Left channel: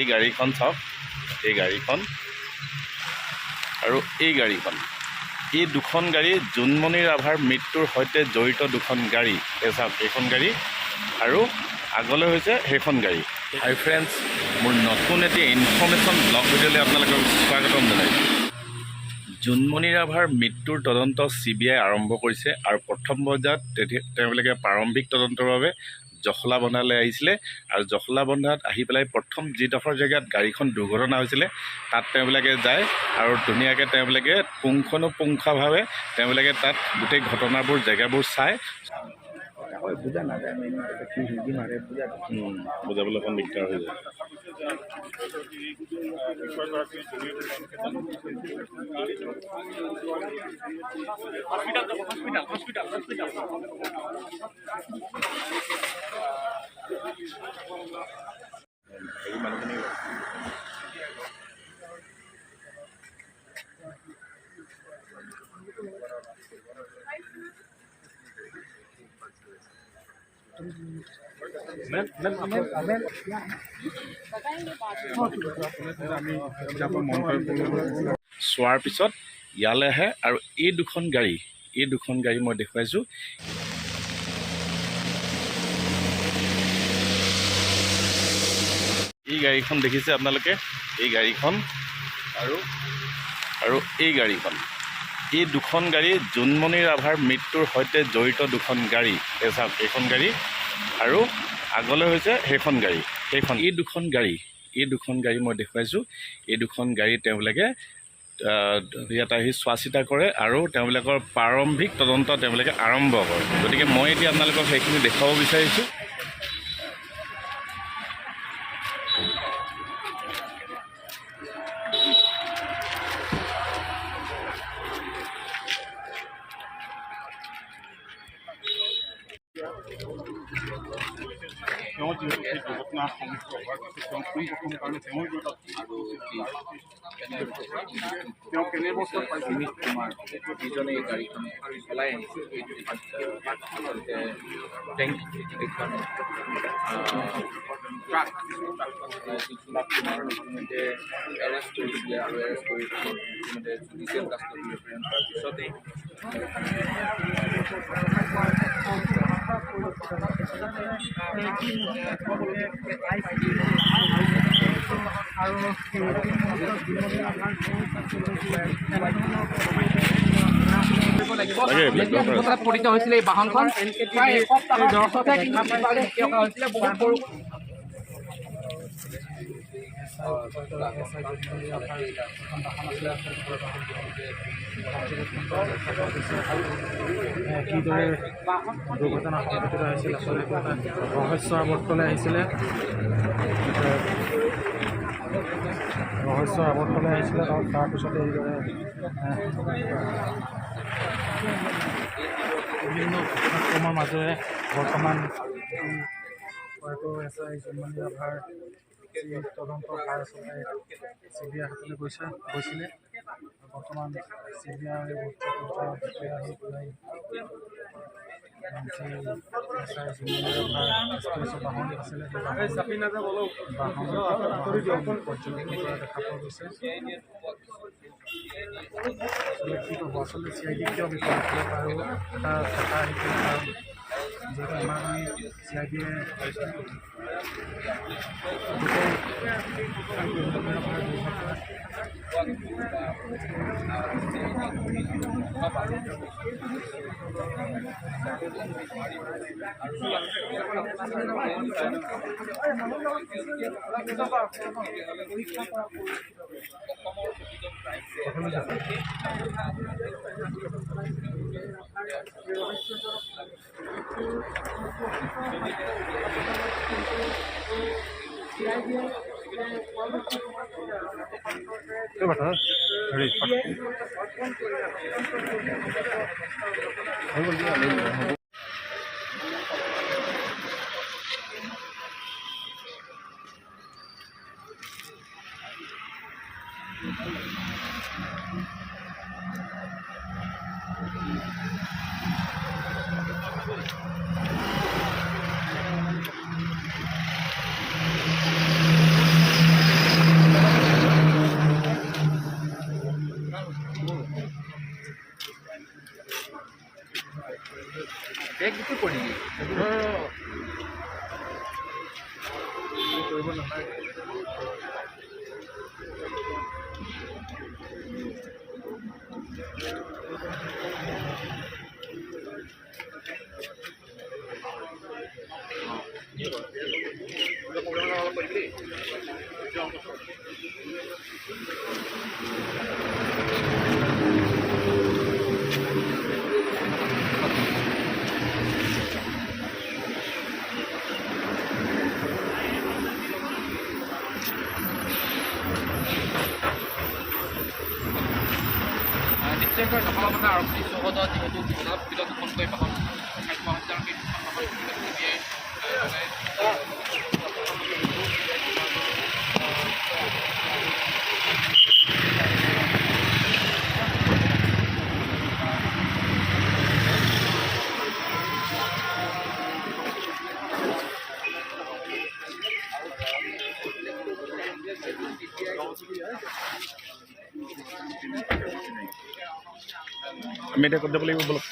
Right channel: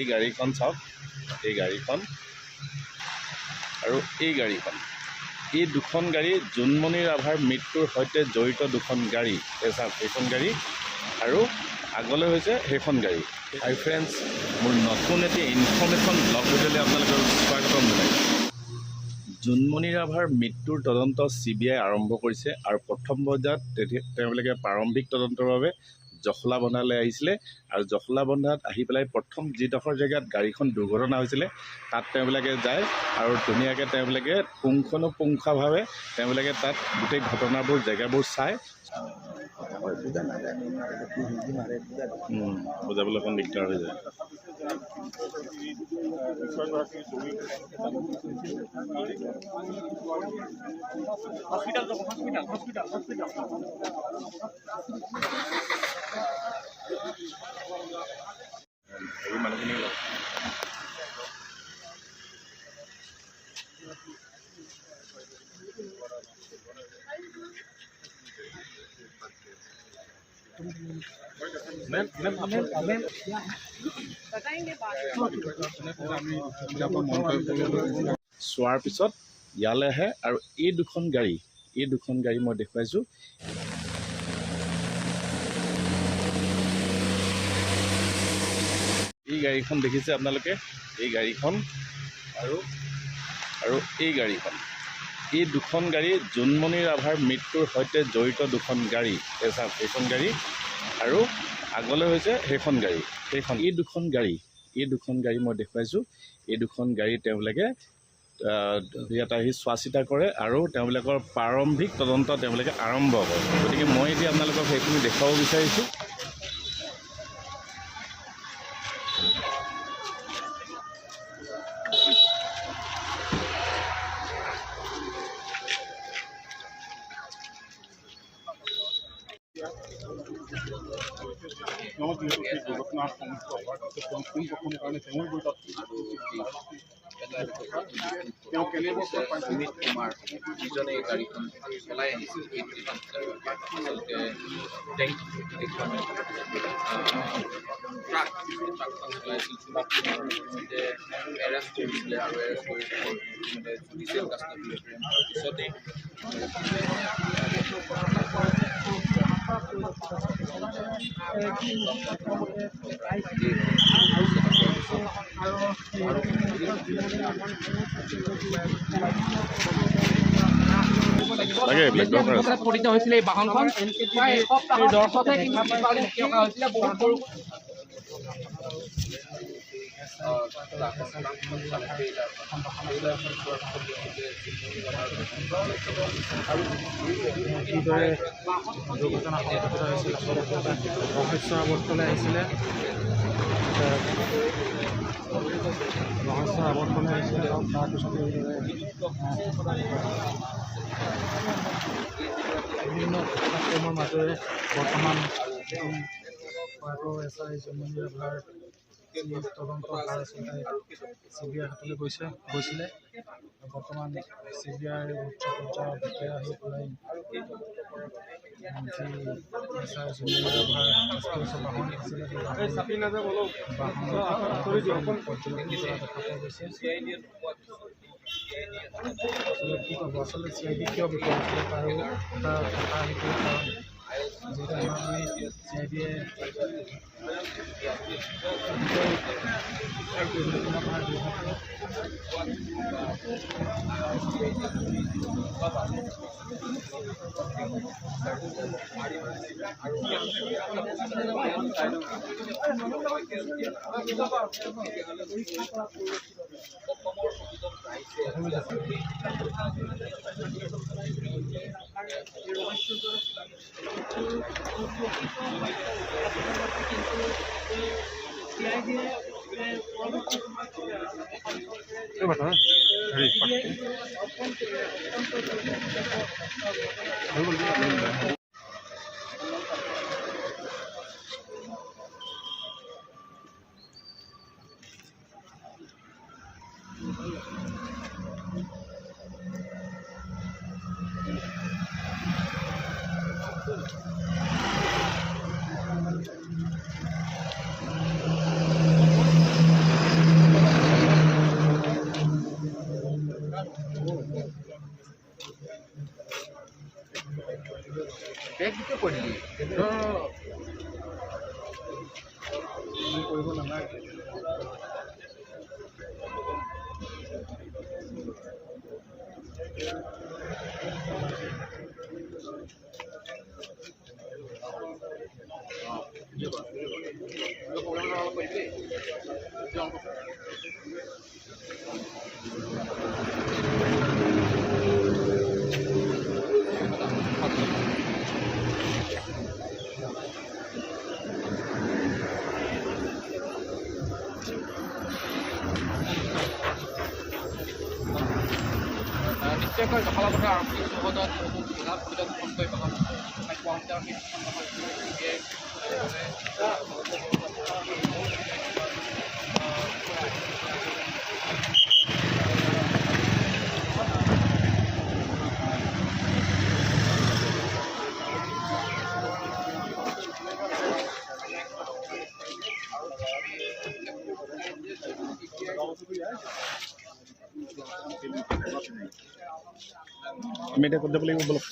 এই গাড়ীখন চাওক, এই গাড়ীখন আৰু এই গাড়ীখন, এই দুখন গাড়ী জোনমণি ৰাভাৰ মৃত্যুৰ সৈতে জড়িত দুখন গাড়ী। এই চাওক এইখন গাড়ী আৰু আগলৈ হৈছে সেইখন গাড়ী। হাই ফ্ৰেণ্ডছ, মোৰ নতুন এটি ইনফৰ্মেশ্যন ব্লগ ভিডিঅ'লৈ আপোনালোকক স্বাগতম জনাইছোঁ। জোনমণি ৰাভাৰ মৃত্যুৰ তদন্ত CBI আৰম্ভ কৰিছে আৰু প্ৰথম পৰ্যায়ত তেওঁলোকে প্ৰাৰম্ভিক তদন্তৰ বাবে জখলাবন্ধালৈ আহিছিলে আৰু জখলাবন্ধাত আহি পেলাই প্ৰথম যিডোখৰ জেগাত গাড়ীখন দুৰ্ঘটনা হৈছিলে তাত তেওঁলোকে যায় আৰু ধুনীয়াকৈ তেওঁলোকে পুংখানুপুংখভাৱে তেওঁলোকে তাত গোটেই ঘটনাবোৰ জেগাবোৰ চায়। বুজাবলৈ অকণ দিগদাৰ হৈ যায়। চোৱাৰ পিছত ইয়ালৈ আহে আৰু এই দুখন গাড়ী মই দেখুৱাইছোঁ। এই গাড়ীখন দেখিছে আপোনালোকে, এই গাড়ীখন আৰু এই গাড়ীখন, এই দুখন গাড়ী জোনমণি ৰাভাৰ মৃত্যুৰ সৈতে জড়িত দুখন গাড়ী। এই চাওক এইখন গাড়ী আৰু আগলৈ হৈছে সেইখন গাড়ী। এই দুখন গাড়ী মই দেখুৱাইছোঁ। এই দুখন গাড়ী তেওঁলোকে ইয়াত আহি চোৱা চিতা কৰে আৰু তেওঁলোকৰ প্ৰাৰম্ভিক তদন্ত তেওঁলোকে আৰম্ভ কৰে। গতিকে মই এতিয়া আপোনালোকক সেইখিনি দেখুৱাব বিচাৰিছোঁ। তেওঁ যিহেতু সেই দুৰ্ঘটনাৰ সন্মুখীন হোৱাৰ পিছত তেওঁ পোনপ্ৰথম কাৰণে তেওঁৰ তেওঁ কেনে অৱস্থাত পাইছিল? যিজনে এই গাড়ীখন চলাই আহিছিল এৰেষ্ট কৰিছিলে আৰু এৰেষ্ট কৰি জুডিচিয়েল কাষ্টডি প্ৰেৰণ কৰাৰ পিছতেই পতিত হৈছিলে এই বাহনখন প্ৰায় এসপ্তাহৰ দৰ্শতে হৈছিলে বহুত সৰু কিদৰে দুৰ্ঘটনা সংঘটিত হৈছিল আচলতে ৰহস্যৰ আৱৰ্তলৈ আহিছিলে আৰু তাৰপিছতে বিভিন্ন কাৰ্যক্ৰমৰ মাজেৰে বৰ্তমান হয়তো SI জোনমণি ৰাভাৰ যি তদন্ত ভাৰ আচলতে CBI হাতলৈ গৈছিলে। বৰ্তমান CBI উচ্চ পৰ্যায়ৰ বিষয়া আহি পেলাই যি SI জোনমণি ৰাভাৰ বাহন আছিলে সেই বাহন পৰ্যবেক্ষণ কৰা দেখা পোৱা গৈছে। কি ক'ব আচলতে CID কিয় বিফল হৈছিলে তাৰো এটা কথা আহি পৰে, কাৰণ যিহেতু আমাৰ CIDয়ে বেগ গোটেই পৰিলি কৰিব নালাগে নিশ্চয়কৈ সফলতা আৰম্ভ চৌহদত যিহেতু জিলা দুখনকৈ বাহন সন্ধাৰ CBI আমি এতিয়া ক'ত যাব লাগিব বলক